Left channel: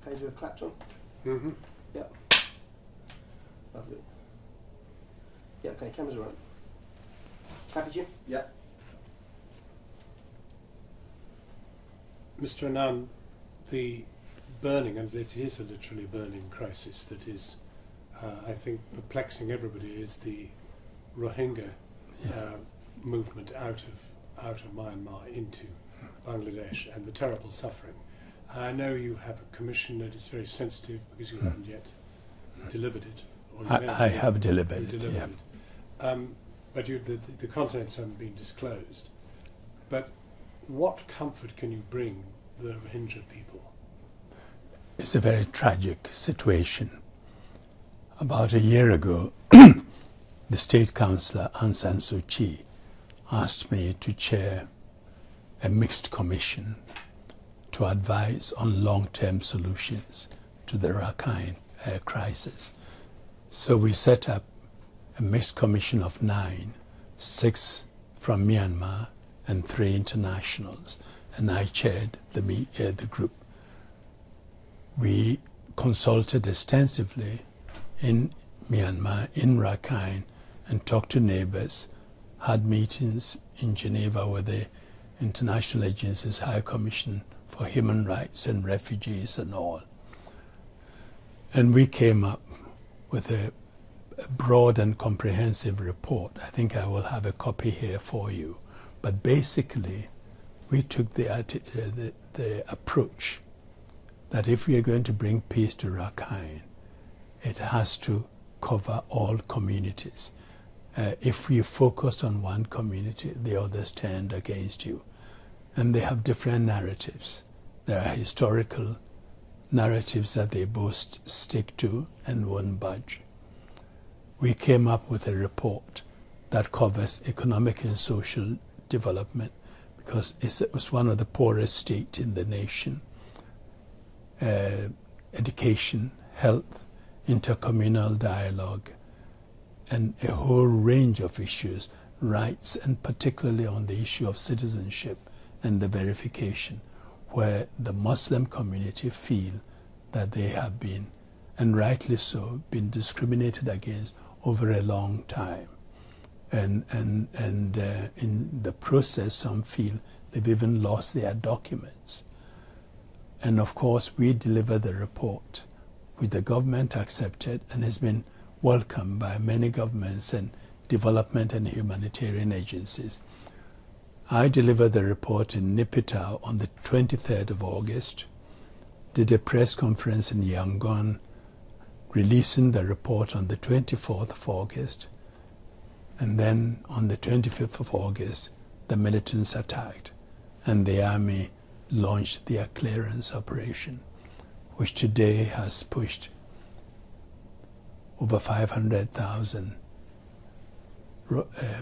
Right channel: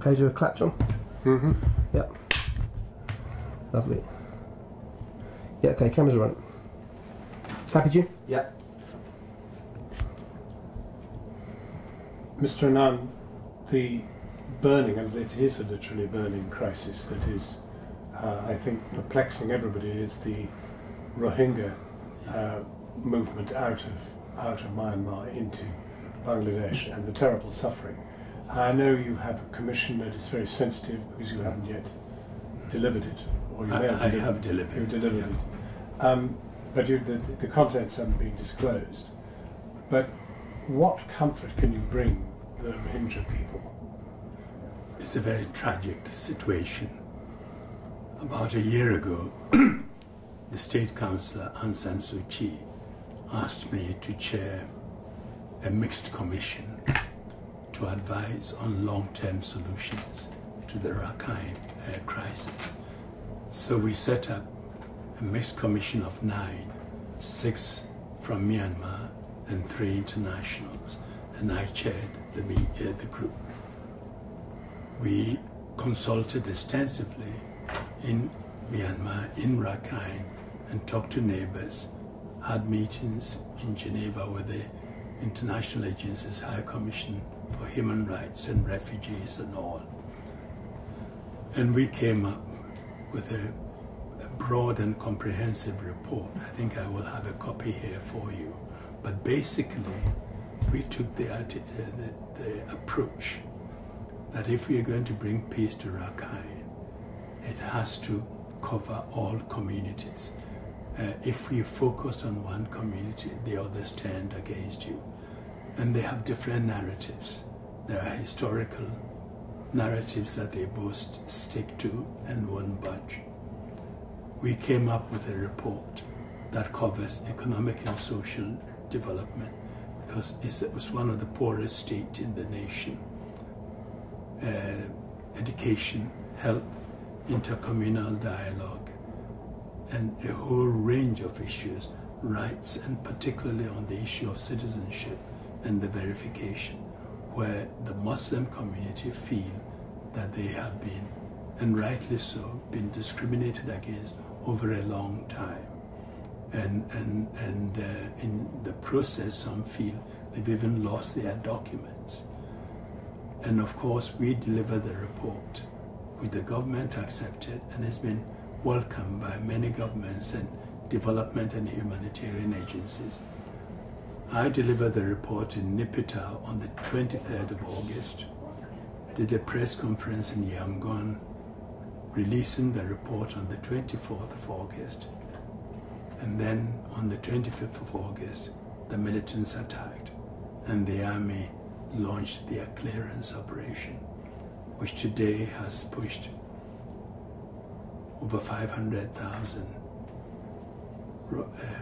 Okay, do a clap, John. Mm-hmm. Yeah. Lovely. Yeah, okay, cameras are on. Happy, Jim? Yeah. Mr. Annan, the burning, and it is a literally burning crisis that is, I think, perplexing everybody, is the Rohingya movement out of Myanmar into Bangladesh and the terrible suffering. I know you have a commission that is very sensitive because you haven't yet delivered it. Or you I have delivered it. You've delivered it. But the contents haven't been disclosed. But what comfort can you bring the Rohingya people? It's a very tragic situation. About a year ago, the State Councillor Aung San Suu Kyi asked me to chair a mixed commission to advise on long-term solutions to the Rakhine crisis. So we set up a mixed commission of 9, 6 from Myanmar and 3 internationals, and I chaired the group. We consulted extensively in Myanmar, in Rakhine, and talked to neighbors, had meetings in Geneva with the International Agency's High Commission for Human Rights and Refugees and all. And we came up with a broad and comprehensive report. I think I will have a copy here for you. But basically, we took the approach that if we are going to bring peace to Rakhine, it has to cover all communities. If we focus on one community, the others turned against you. And they have different narratives. There are historical narratives that they both stick to and won't budge. We came up with a report that covers economic and social development because it was one of the poorest states in the nation. Education, health, intercommunal dialogue, and a whole range of issues, rights, and particularly on the issue of citizenship and the verification, where the Muslim community feel that they have been, and rightly so, been discriminated against over a long time. And in the process, some feel they've even lost their documents. And of course, we delivered the report, which the government accepted and has been welcomed by many governments and development and humanitarian agencies. I delivered the report in Nipitau on the 23rd of August, did a press conference in Yangon, releasing the report on the 24th of August, and then on the 25th of August, the militants attacked, and the army launched their clearance operation, which today has pushed over 500,000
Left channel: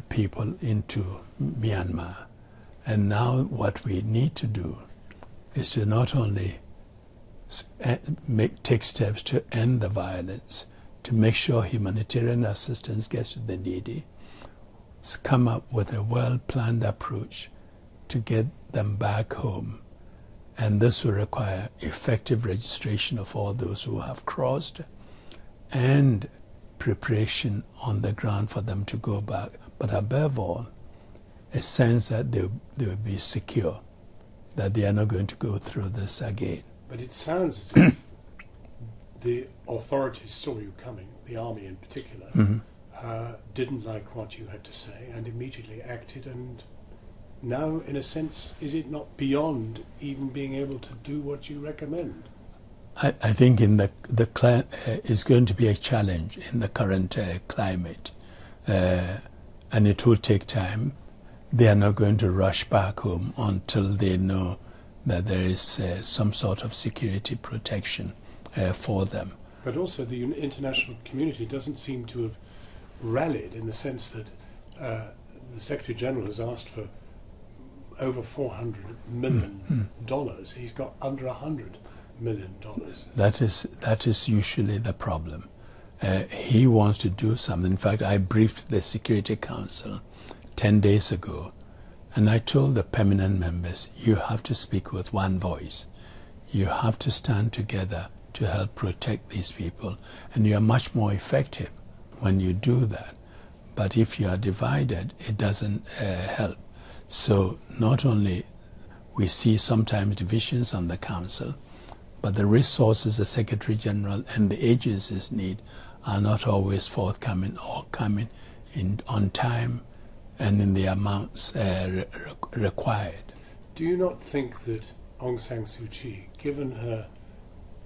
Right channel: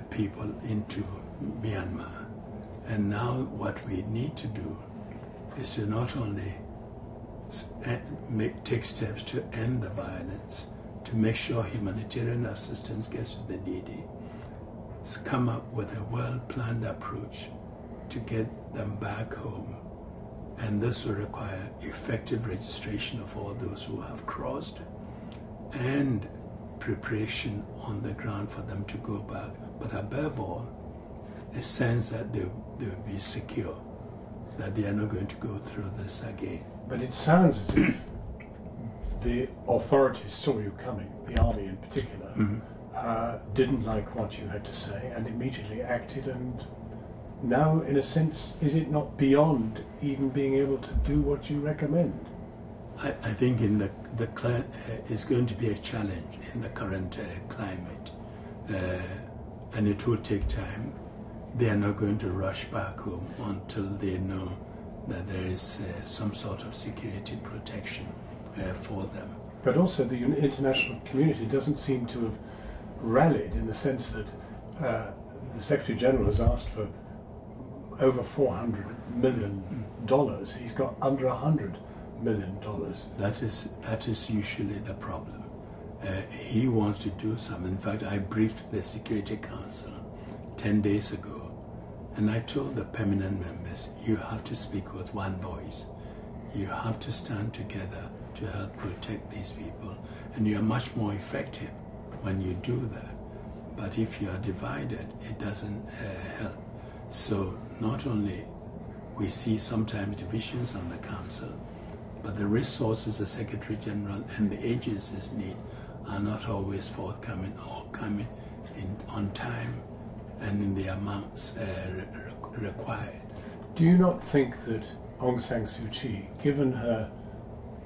people into Myanmar. And now what we need to do is to not only take steps to end the violence, to make sure humanitarian assistance gets to the needy, come up with a well-planned approach to get them back home. And this will require effective registration of all those who have crossed and preparation on the ground for them to go back. But above all, a sense that they will be secure, that they are not going to go through this again. But it sounds as if the authorities saw you coming, the army in particular, didn't like what you had to say and immediately acted. And now, in a sense, is it not beyond even being able to do what you recommend? I think in it's going to be a challenge in the current climate, and it will take time. They are not going to rush back home until they know that there is some sort of security protection for them. But also the international community doesn't seem to have rallied in the sense that the Secretary General has asked for over $400 million. He's got under $100 million. That is usually the problem. He wants to do something. In fact, I briefed the Security Council 10 days ago, and I told the permanent members, you have to speak with one voice. You have to stand together to help protect these people, and you are much more effective when you do that. But if you are divided, it doesn't help. So not only we see sometimes divisions on the council, but the resources the Secretary General and the agencies need are not always forthcoming or coming in on time and in the amounts required. Do you not think that Aung San Suu Kyi, given her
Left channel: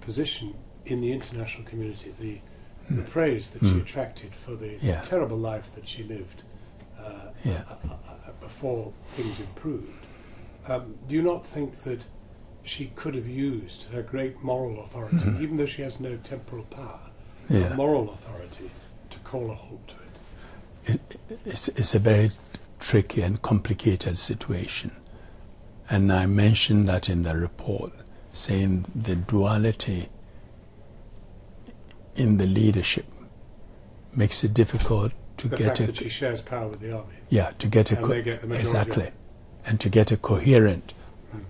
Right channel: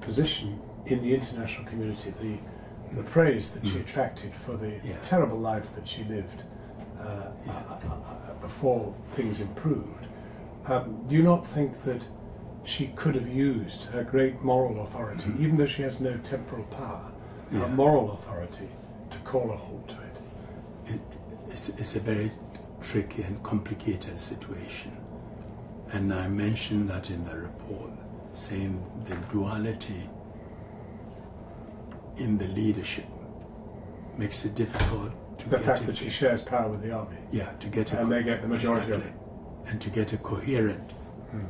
position in the international community, the praise that she attracted for the terrible life that she lived before things improved, do you not think that she could have used her great moral authority, even though she has no temporal power, her moral authority, to call a halt to it? It's a very tricky and complicated situation. And I mentioned that in the report, saying the duality in the leadership makes it difficult to the get fact that she shares power with the army. Yeah, to get a and they get the majority. Exactly, and to get a coherent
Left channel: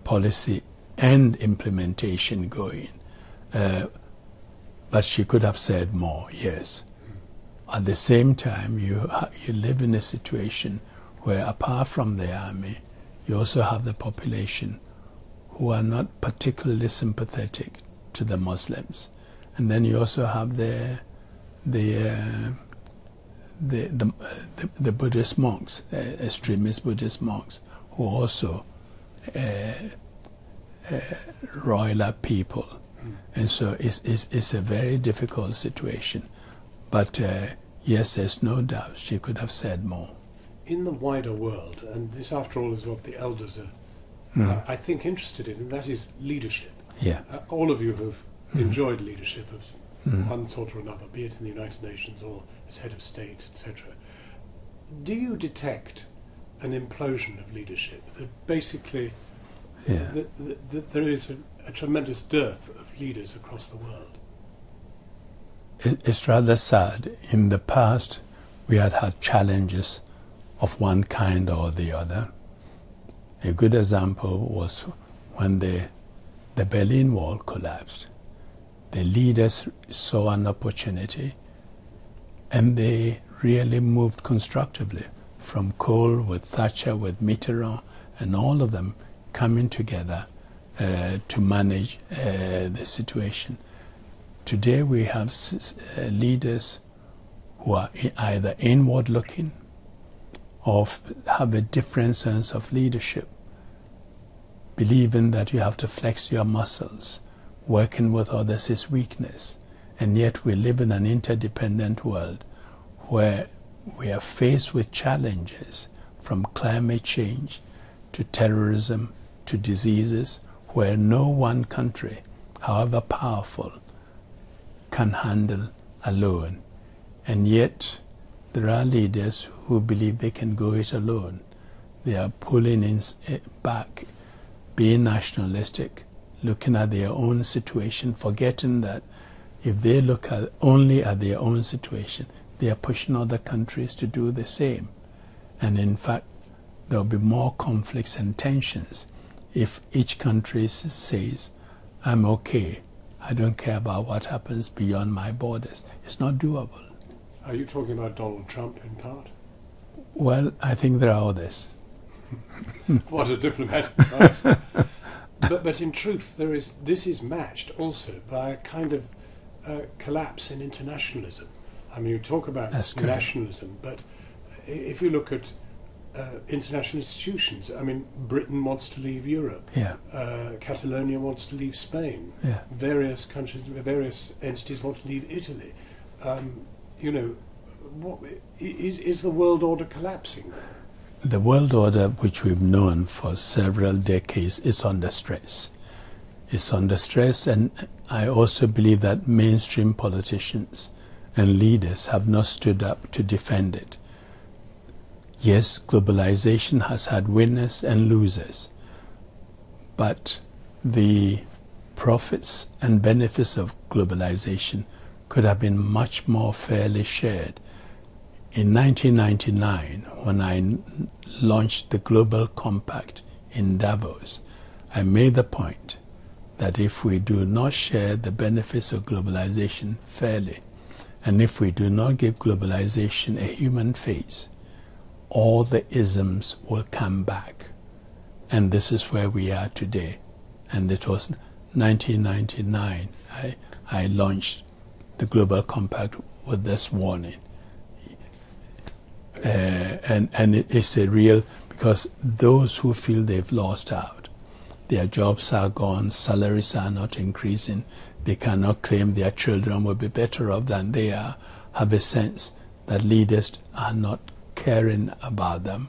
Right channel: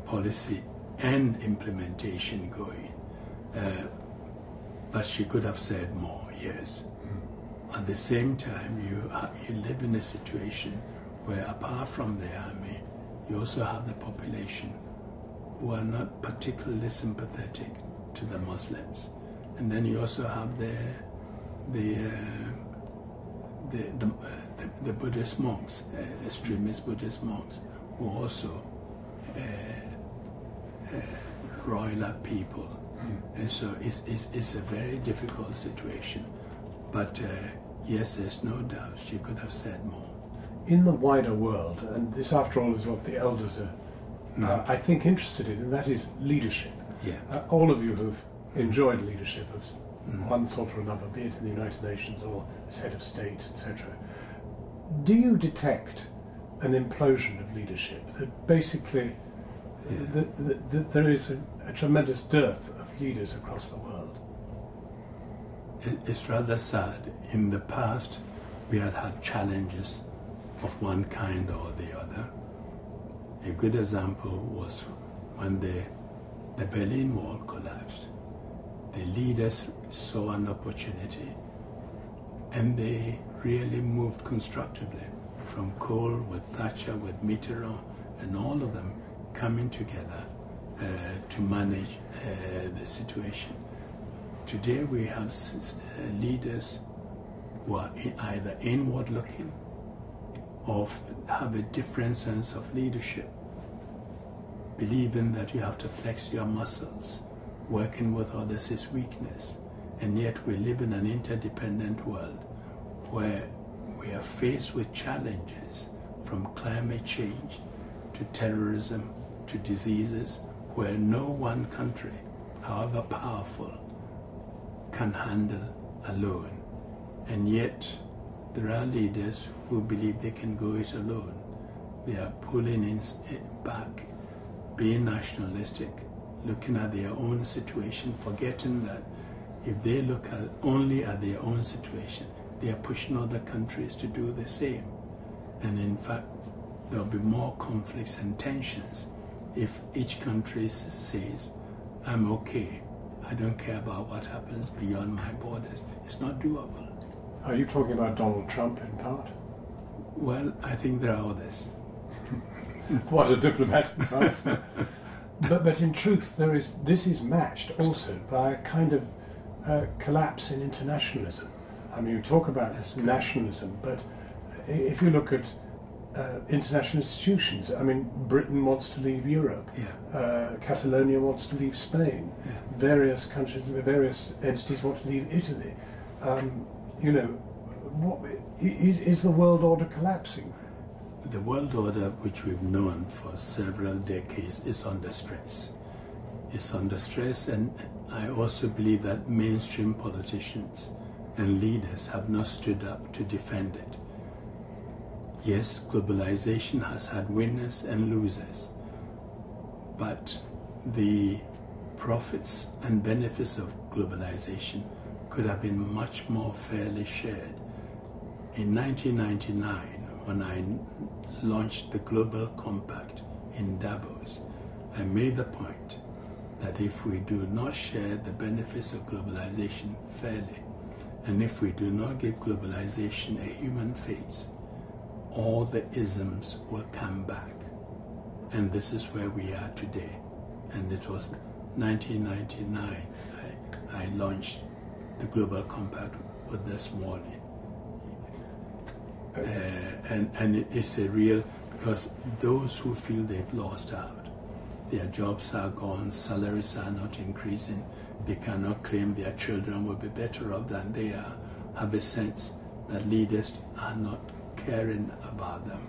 policy and implementation going. But she could have said more. Yes. At the same time, you live in a situation where, apart from the army, you also have the population who are not particularly sympathetic to the Muslims, and then you also have the Buddhist monks, extremist Buddhist monks, who also roil up people, and so it's a very difficult situation. But yes, there's no doubt she could have said more. In the wider world, and this after all is what the elders are, I think, interested in, and that is leadership. Yeah. All of you who've enjoyed leadership of one sort or another, be it in the United Nations or as head of state, etc. Do you detect an implosion of leadership, that basically that there is a tremendous dearth of leaders across the world? It's rather sad. In the past, we had challenges of one kind or the other. A good example was when the Berlin Wall collapsed. The leaders saw an opportunity and they really moved constructively, from Kohl with Thatcher with Mitterrand, and all of them coming together to manage the situation. Today we have leaders who are either inward looking or have a different sense of leadership, believing that you have to flex your muscles. Working with others is weakness. And yet we live in an interdependent world where we are faced with challenges, from climate change to terrorism to diseases, where no one country, however powerful, can handle alone. And yet there are leaders who believe they can go it alone. They are pulling back, being nationalistic, looking at their own situation, forgetting that if they look only at their own situation, they are pushing other countries to do the same. And in fact, there will be more conflicts and tensions if each country says, I'm okay, I don't care about what happens beyond my borders. It's not doable. Are you talking about Donald Trump in part? Well, I think there are others. What a diplomat. Right? But in truth, this is matched also by a kind of collapse in internationalism. I mean, you talk about nationalism, but if you look at international institutions, I mean, Britain wants to leave Europe. Catalonia wants to leave Spain. Various countries, various entities want to leave Italy. You know, is the world order collapsing? The world order, which we've known for several decades, is under stress. It's under stress, and I also believe that mainstream politicians and leaders have not stood up to defend it. Yes, globalization has had winners and losers, but the profits and benefits of globalization could have been much more fairly shared. In 1999, when I launched the Global Compact in Davos, I made the point that if we do not share the benefits of globalization fairly, and if we do not give globalization a human face, all the isms will come back. And this is where we are today. And it was 1999 I launched the Global Compact with this warning. And it's a real, because those who feel they've lost out, their jobs are gone, salaries are not increasing, they cannot claim their children will be better off than they are, have a sense that leaders are not caring about them,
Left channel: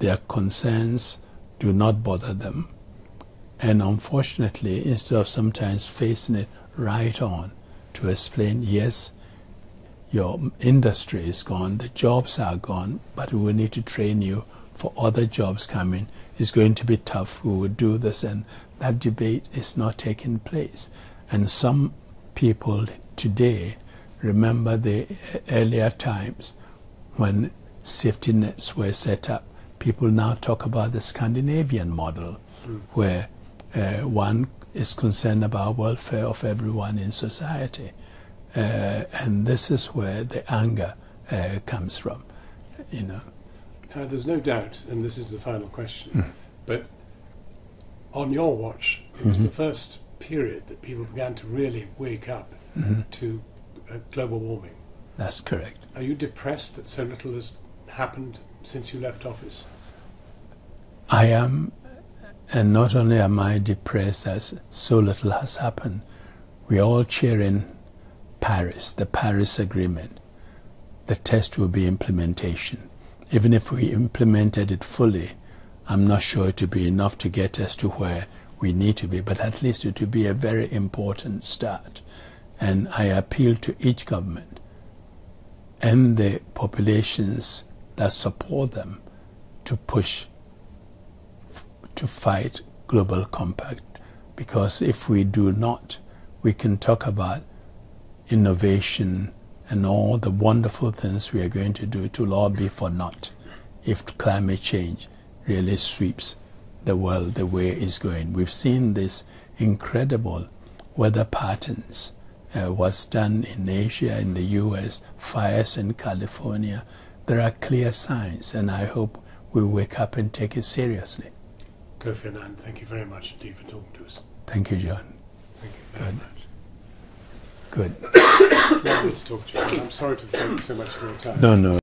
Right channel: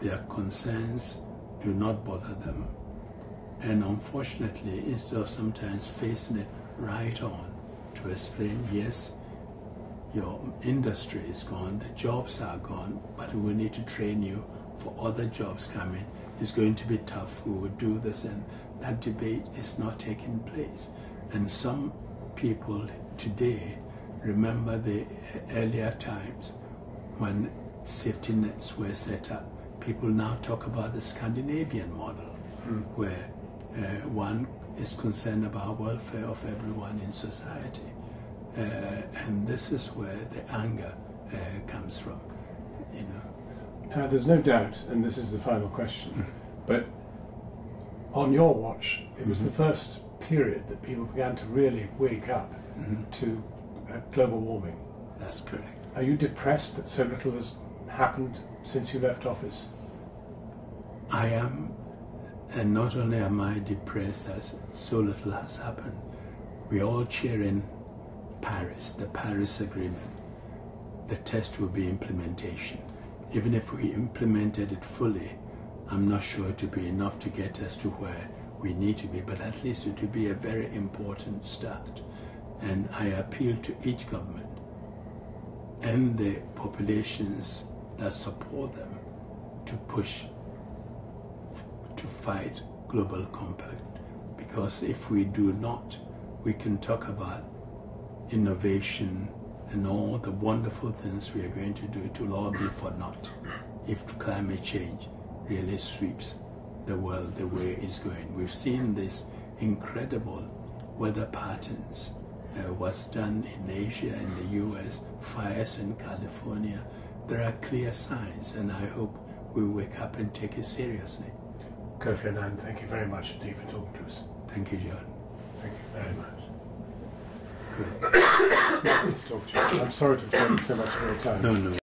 their concerns do not bother them. And unfortunately, instead of sometimes facing it right on to explain, yes, your industry is gone, the jobs are gone, but we will need to train you for other jobs coming. It's going to be tough, we will do this, and that debate is not taking place. And some people today remember the earlier times when safety nets were set up. People now talk about the Scandinavian model, where one is concerned about welfare of everyone in society. And this is where the anger comes from, you know. Now, there's no doubt, and this is the final question, but on your watch, it was the first period that people began to really wake up to global warming. That's correct. Are you depressed that so little has happened since you left office? I am, and not only am I depressed as so little has happened, we are all cheering Paris, the Paris Agreement. The test will be implementation. Even if we implemented it fully, I'm not sure it will be enough to get us to where we need to be, but at least it will be a very important start. And I appeal to each government and the populations that support them to push to fight global compact, because if we do not, we can talk about innovation and all the wonderful things we are going to do. It will all be for naught if climate change really sweeps the world the way it's going. We've seen this incredible weather patterns, what's done in Asia, in the US, fires in California. There are clear signs, and I hope we wake up and take it seriously. Kofi Annan, thank you very much indeed for talking to us. Thank you, John. Thank you very much. Good. It's lovely to talk to you. I'm sorry to have taken so much of your time. No.